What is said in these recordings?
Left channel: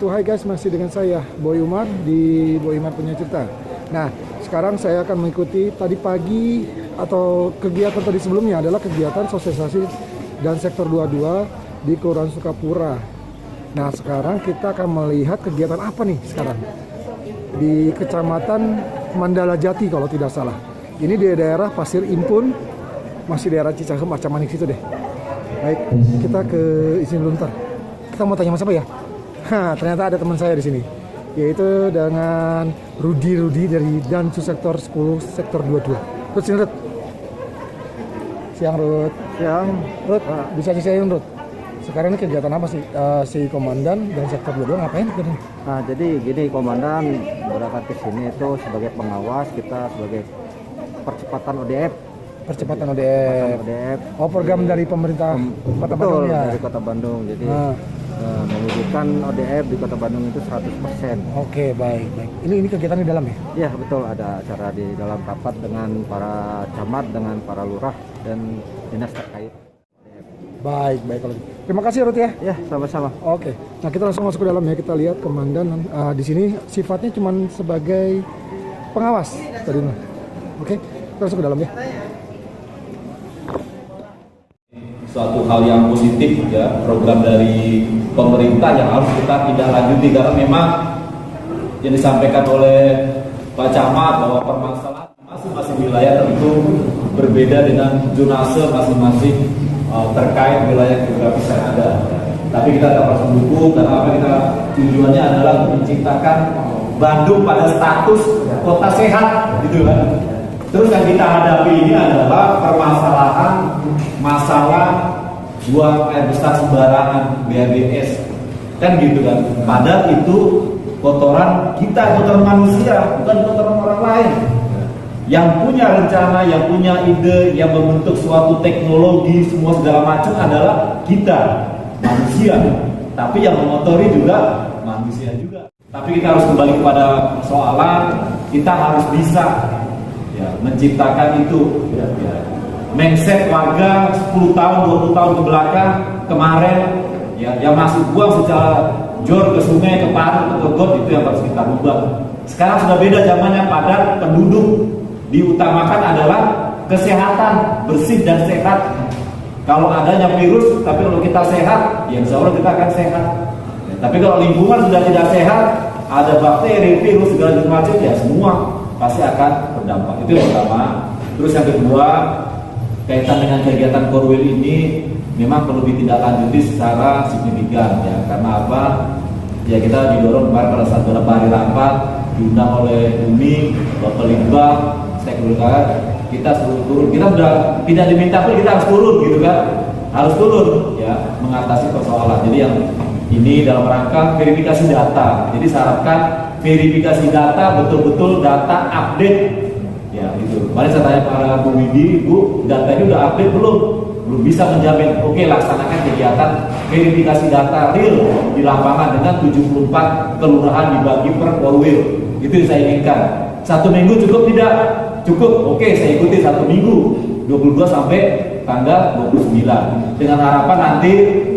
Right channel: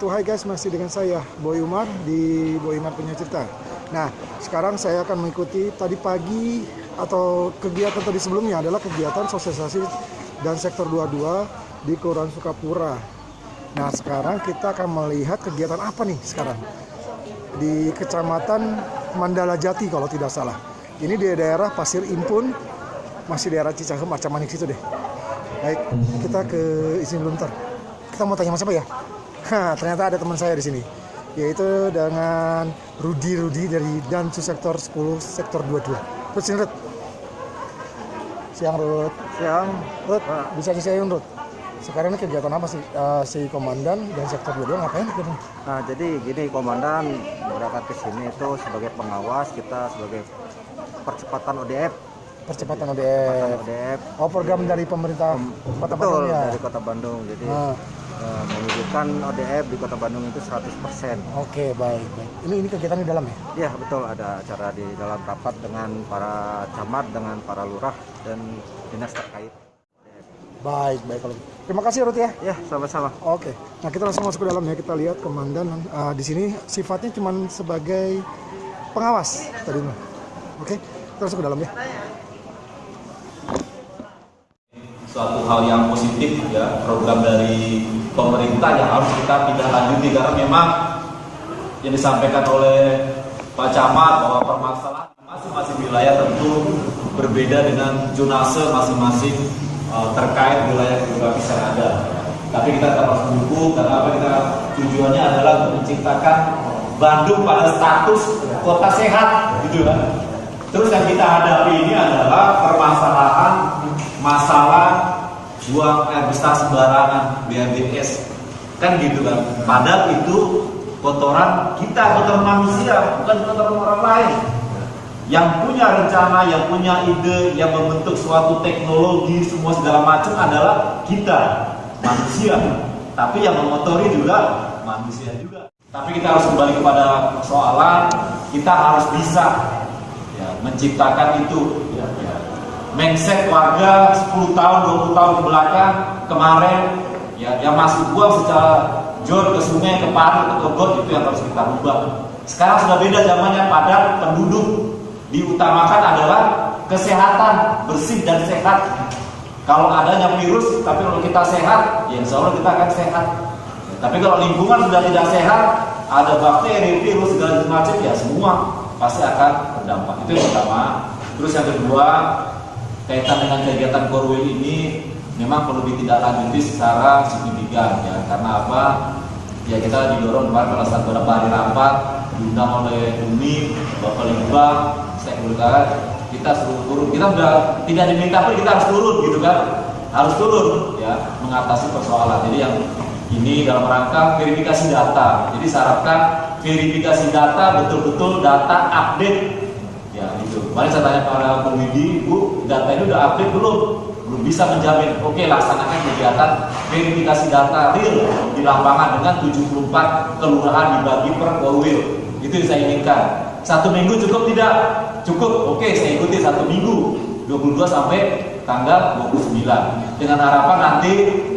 wabarakatuh. Hai guys, masih dengan saya Boy Umar di Boy Umar Punya Cerita. Nah, sekarang saya akan mengikuti tadi pagi atau kegiatan tadi sebelumnya adalah kegiatan sosialisasi dan sektor 22 di Kelurahan Sukapura. Nah, sekarang kita akan melihat kegiatan apa nih sekarang di Kecamatan Mandala Jati kalau tidak salah. Ini di daerah Pasir Impun, masih daerah Cicahem, Acamanik situ deh. Baik, kita ke izin dulu ntar. Kita mau tanya sama siapa ya? Ternyata ada teman saya di sini, yaitu dengan Rudi dari Dansu Sektor 10 Sektor 22. Rud, sini Rud. Siang Rud. Siang. Rud, bisa diceritain Rud. Sekarang ini kegiatan apa sih si komandan dan Sektor 22 ngapain? Nah, jadi gini, komandan berangkat ke sini itu sebagai pengawas, kita sebagai percepatan ODF. Percepatan ODF. Oh, program dari pemerintah Kota Betul, Bandung ya? dari Kota Bandung. Jadi mewujudkan ODF di Kota Bandung itu 100%. Oke, baik. Ini kegiatan di dalam ya? Iya, betul, ada acara di dalam rapat dengan para camat, dengan para lurah dan dinas terkait. Baik kalau gitu. Terima kasih Rut ya. Ya, sama-sama. Oke. Nah, kita langsung masuk ke dalam ya. Kita lihat komandan di sini sifatnya cuma sebagai pengawas tadi. Oke, kita masuk ke dalam ya. Suatu hal yang positif ya, program dari pemerintah yang harus kita tindak lanjuti karena memang yang disampaikan oleh Pak Camat bahwa permasalahan masing-masing wilayah tentu berbeda dengan zonase masing-masing terkait wilayah geografis yang ada. Tapi kita tetap harus mendukung karena apa, kita tujuannya adalah untuk menciptakan Bandung pada status kota sehat gitu kan. Terus yang kita hadapi ini adalah permasalahan masalah buang air besar sembarangan BABS kan gitu kan. Padahal itu kotoran kita, kotoran manusia, bukan kotoran orang lain. Yang punya rencana, yang punya ide, yang membentuk suatu teknologi semua segala macam adalah kita manusia. Tapi yang memotori juga manusia juga. Tapi kita harus kembali kepada persoalan, kita harus bisa ya, menciptakan itu ya. Mindset warga 10 tahun, 20 tahun ke belakang kemarin ya, yang masih buang secara jor ke sungai, ke parit, ke got, itu yang harus kita ubah. Sekarang sudah beda zamannya, padat penduduk, diutamakan adalah kesehatan, bersih dan sehat. Kalau adanya virus, tapi kalau kita sehat, ya insya Allah kita akan sehat. Tapi kalau lingkungan sudah tidak sehat, ada bakteri, virus, segala macam, ya semua pasti akan berdampak. Itu yang pertama. Terus yang kedua, kaitan dengan kegiatan Korwil ini memang perlu ditindaklanjuti secara signifikan ya. Karena apa? Ya kita didorong pada saat beberapa hari rapat diundang oleh Bumi, Bapak Limbang, Sekuritas, kita suruh turun. Kita sudah tidak diminta pun kita harus turun gitu kan. Harus turun ya mengatasi persoalan. Jadi yang ini dalam rangka verifikasi data. Jadi syaratkan verifikasi data betul-betul data update. Ya itu. Kemarin saya tanya para Bu Widi, Bu, datanya udah update belum? Belum bisa menjamin. Oke, laksanakan kegiatan verifikasi data real di lapangan dengan 74 kelurahan dibagi per Korwil. Itu yang saya inginkan. 1 minggu cukup tidak? Cukup. Oke, saya ikuti 1 minggu 22 sampai tanggal 29. Dengan harapan nanti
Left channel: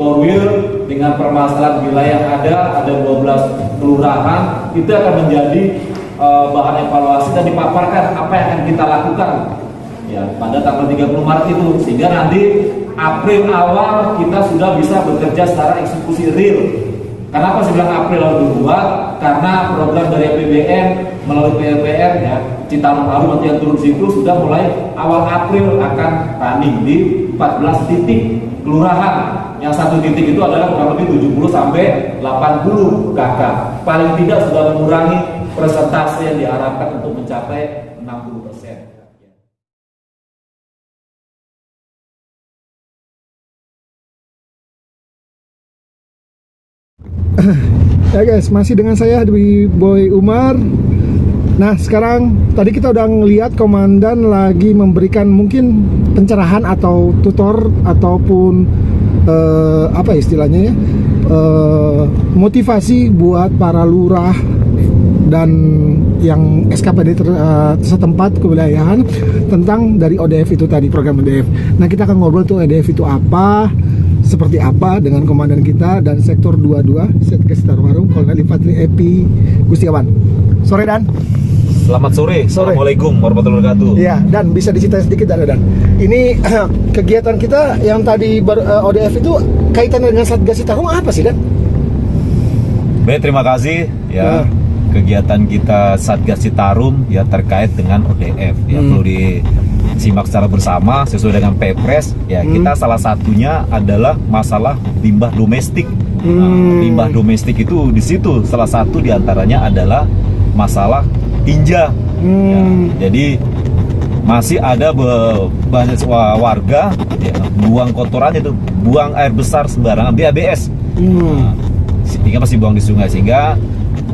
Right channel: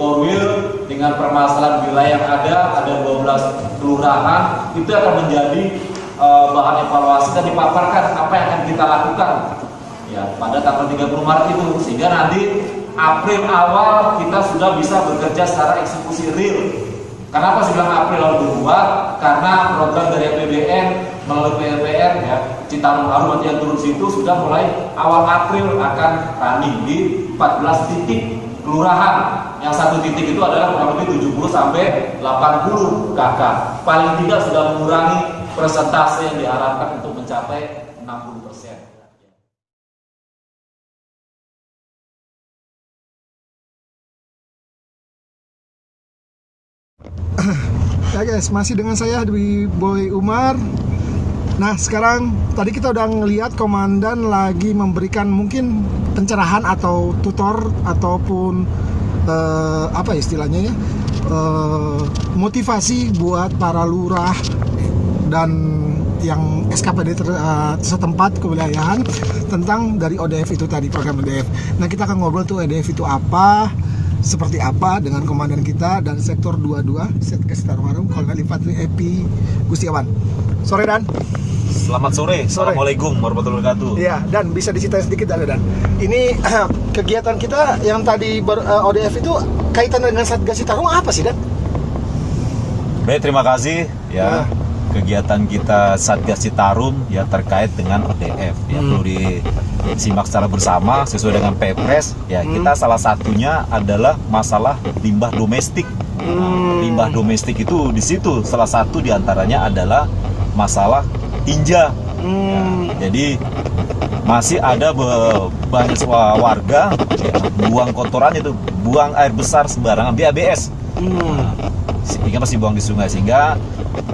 Korwil dengan permasalahan wilayah yang ada 12 kelurahan itu akan menjadi bahan evaluasi dan dipaparkan apa yang akan kita lakukan ya pada tanggal 30 Maret itu, sehingga nanti April awal kita sudah bisa bekerja secara eksekusi real. Kenapa saya bilang April awal 22? Karena program dari APBN melalui PLPR ya Citarum Harum atau yang turun situ sudah mulai awal April akan running di 14 titik kelurahan. Yang 1 titik itu adalah kurang lebih 70 sampai 80 KK. Paling tidak sudah mengurangi persentase yang diharapkan untuk mencapai 60%. Ya guys, masih dengan saya di Boy Umar. Nah, sekarang tadi kita udah ngelihat komandan lagi memberikan mungkin pencerahan atau tutor ataupun apa istilahnya ya, motivasi buat para lurah dan yang SKPD setempat kewilayahan tentang dari ODF itu tadi, program ODF. Nah, kita akan ngobrol tuh ODF itu apa, seperti apa dengan komandan kita dan sektor 22 Satgas Citarum Kolonel Infantri Epi Gustiawan. Sore Dan. Selamat sore. Assalamualaikum warahmatullahi wabarakatuh. Iya, Dan bisa diceritain sedikit Dan. Ini kegiatan kita yang tadi ODF itu kaitannya dengan Satgas Citarum apa sih Dan? Baik, terima kasih ya. Kegiatan kita Satgas Citarum ya terkait dengan ODF ya, perlu disimak secara bersama sesuai dengan Pepres ya. Kita salah satunya adalah masalah limbah domestik. Limbah domestik itu di situ salah satu diantaranya adalah masalah tinja. Ya, jadi masih ada banyak warga ya, buang kotoran itu, buang air besar sembarangan, BABS. Sehingga masih buang di sungai, sehingga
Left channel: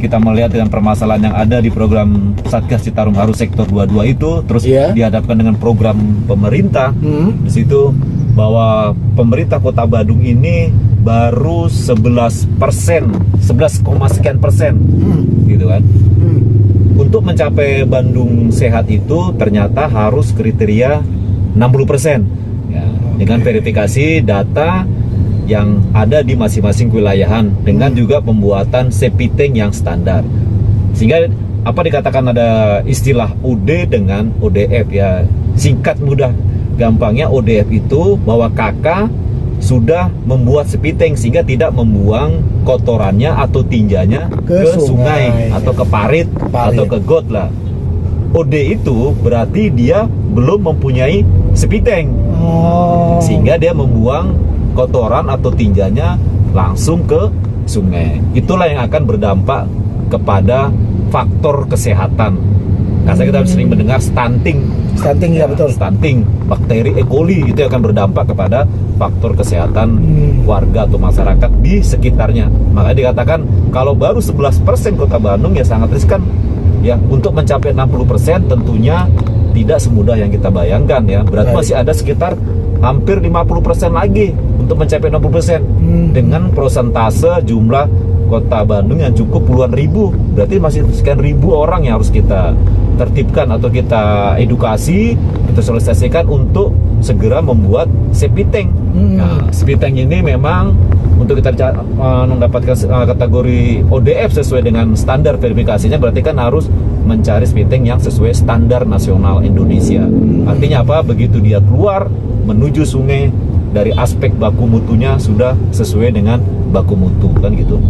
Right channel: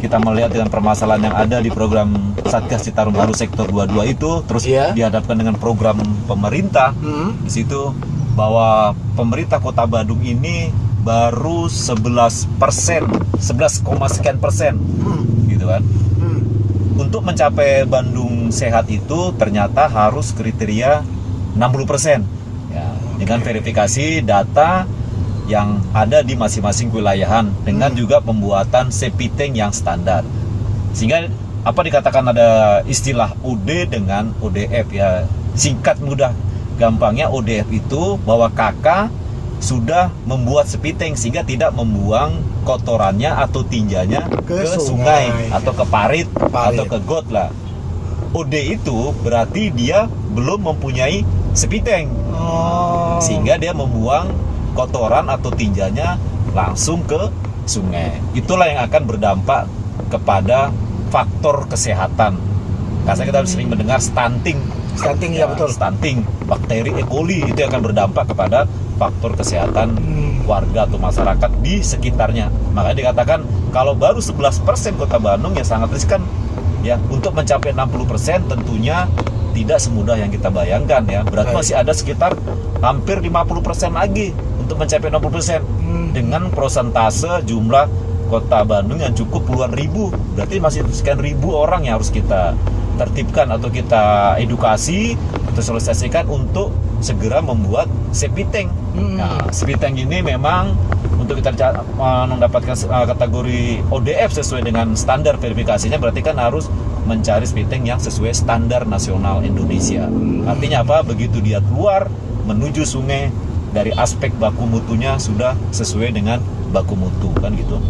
kita melihat dengan permasalahan yang ada di program Satgas Citarum Haru Sektor 22 itu terus dihadapkan dengan program pemerintah. Di situ bahwa pemerintah Kota Bandung ini baru 11%, 11,sekian persen, gitu kan. Untuk mencapai Bandung sehat itu ternyata harus kriteria 60%. Ya, dengan verifikasi data yang ada di masing-masing wilayahan dengan juga pembuatan safety tank yang standar. Sehingga apa dikatakan ada istilah OD dengan ODF ya. Singkat mudah gampangnya ODF itu bahwa kakak sudah membuat safety tank sehingga tidak membuang kotorannya atau tinjanya ke sungai atau ke parit atau ke got lah. OD itu berarti dia belum mempunyai safety tank. Sehingga dia membuang kotoran atau tinjanya langsung ke sungai. Itulah yang akan berdampak kepada faktor kesehatan. Karena kita sering mendengar stunting. Stunting ya betul. Stunting, bakteri E. coli itu akan berdampak kepada faktor kesehatan warga atau masyarakat di sekitarnya. Makanya dikatakan kalau baru 11% Kota Bandung ya sangat riskan. Ya, untuk mencapai 60% tentunya tidak semudah yang kita bayangkan ya. Berarti masih ada sekitar hampir 50% lagi untuk mencapai 60% dengan persentase jumlah Kota Bandung yang cukup puluhan ribu. Berarti masih sekian ribu orang yang harus kita tertibkan atau kita edukasi atau sosialisasikan untuk segera membuat safety tank. Nah, safety tank ini memang untuk kita mendapatkan kategori ODF sesuai dengan standar verifikasinya berarti kan harus mencari safety tank yang sesuai standar nasional Indonesia. Artinya apa? Begitu dia keluar menuju sungai dari aspek baku mutunya sudah sesuai dengan baku mutu kan gitu.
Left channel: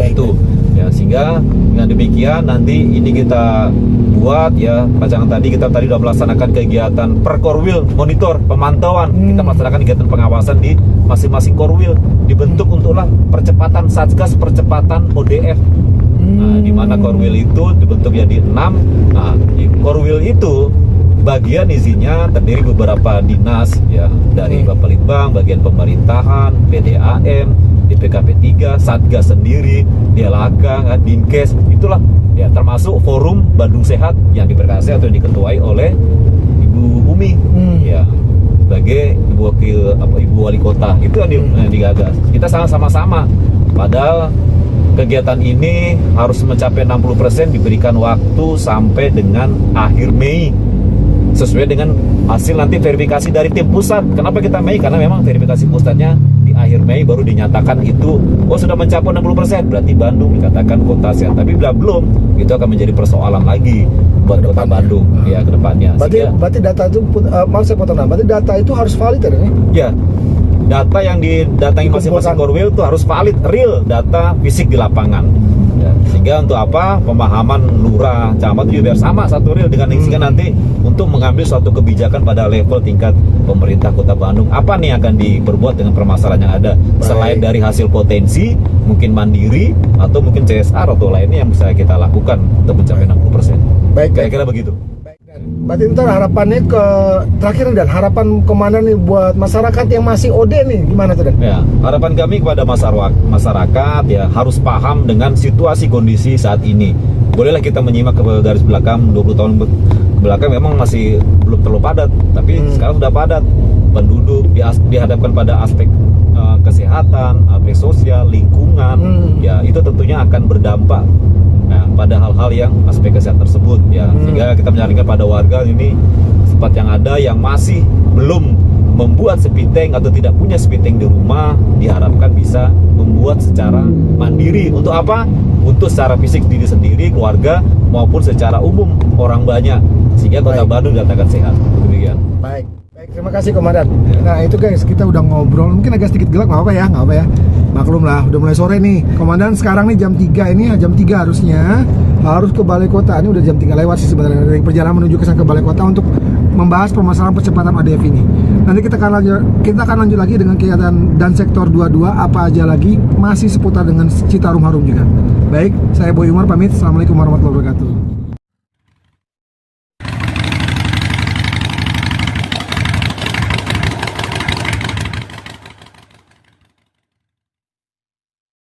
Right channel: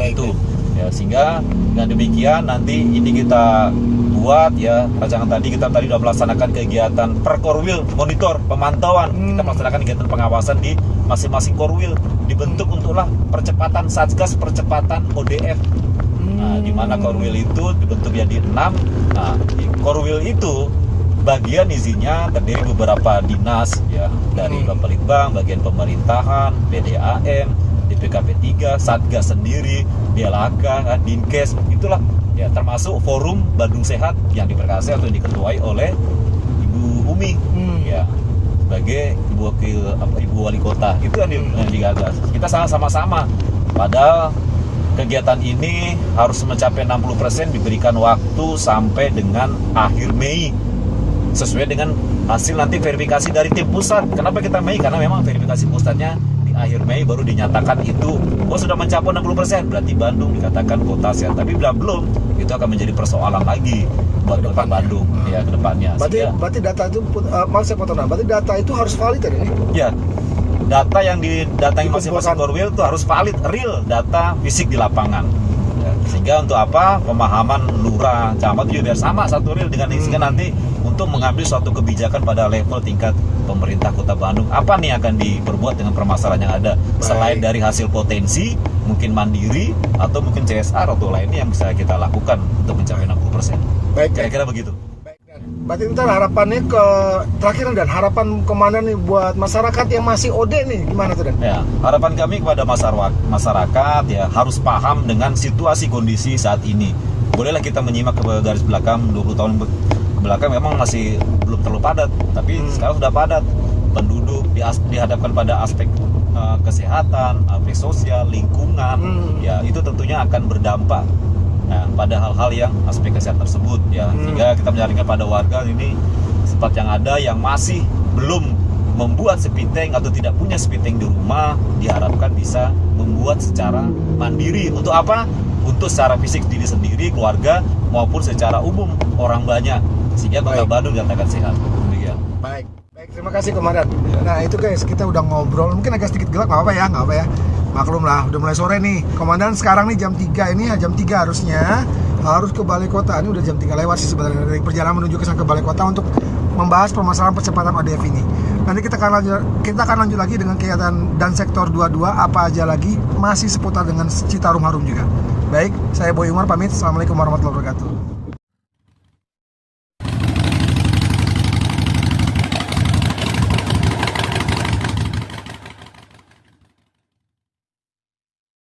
Itu ya, sehingga dengan demikian nanti ini kita buat ya rancangan kita tadi sudah melaksanakan kegiatan per korwil monitor pemantauan. Kita melaksanakan kegiatan pengawasan di masing-masing korwil, dibentuk untuklah percepatan Satgas percepatan ODF. Nah, di mana korwil itu dibentuk jadi 6. Nah, di korwil itu bagian isinya terdiri beberapa dinas ya, dari Bapelitbang, bagian pemerintahan, PDAM, DPKP 3, Satgas sendiri, DLHK, Dinkes, itulah ya, termasuk forum Bandung Sehat yang diperkasih atau diketuai oleh Ibu Umi ya, sebagai ibu wali kota. Itu yang digagas. Kita sama-sama padahal kegiatan ini harus mencapai 60%, diberikan waktu sampai dengan akhir Mei sesuai dengan hasil nanti verifikasi dari tim pusat. Kenapa kita Mei? Karena memang verifikasi pusatnya di akhir Mei baru dinyatakan itu sudah mencapai 60%, berarti Bandung dikatakan kota sehat. Tapi belum, itu akan menjadi persoalan lagi buat kota Bandung ya ke depannya. Berarti data itu maaf saya potong, berarti data itu harus valid ya ini? Ya. Data yang didatangi masing-masing korwil itu harus valid, real data fisik di lapangan. Ya, sehingga untuk apa? Pemahaman lurah, camat juga biar sama satu real dengan sehingga nanti untuk mengambil suatu kebijakan pada level tingkat pemerintah Kota Bandung. Apa nih akan diperbuat dengan permasalahan yang ada? Selain dari hasil potensi, mungkin mandiri atau mungkin CSR atau lainnya yang bisa kita lakukan untuk mencapai 60%. Kira-kira begitu. Berarti ntar harapannya ke terakhir dan harapan komandan nih buat masyarakat yang masih OD nih gimana tuh Dan? Ya, harapan kami kepada masyarakat ya harus paham dengan situasi kondisi saat ini. Bolehlah kita menyimak ke garis belakang 20 tahun ke belakang memang masih belum terlalu padat, tapi sekarang sudah padat. Penduduk dihadapkan pada aspek kesehatan, aspek sosial, lingkungan, ya itu tentunya akan berdampak. Nah, pada hal-hal yang aspek kesehatan tersebut ya, sehingga kita menyarankan pada warga ini tempat yang ada yang masih belum membuat speed tank atau tidak punya speed tank di rumah, diharapkan bisa membuat secara mandiri. Untuk apa? Untuk secara fisik diri sendiri, keluarga, maupun secara umum orang banyak, sehingga Kota Bandung dikatakan sehat. Demikian. Baik, terima kasih Komandan. Nah itu guys, kita udah ngobrol, mungkin agak sedikit gelap, nggak apa ya. Maklum lah, udah mulai sore nih. Komandan sekarang nih jam 3 ini, jam 3 harusnya harus ke Balai Kota. Ini udah jam 3 lewat sih sebenarnya, dari perjalanan menuju ke Balai Kota untuk membahas permasalahan percepatan ODF ini. Nanti kita akan lanjut lagi dengan kegiatan dan sektor 22 apa aja lagi, masih seputar dengan Citarum Harum juga. Baik, saya Boy Umar pamit. Assalamualaikum warahmatullahi wabarakatuh.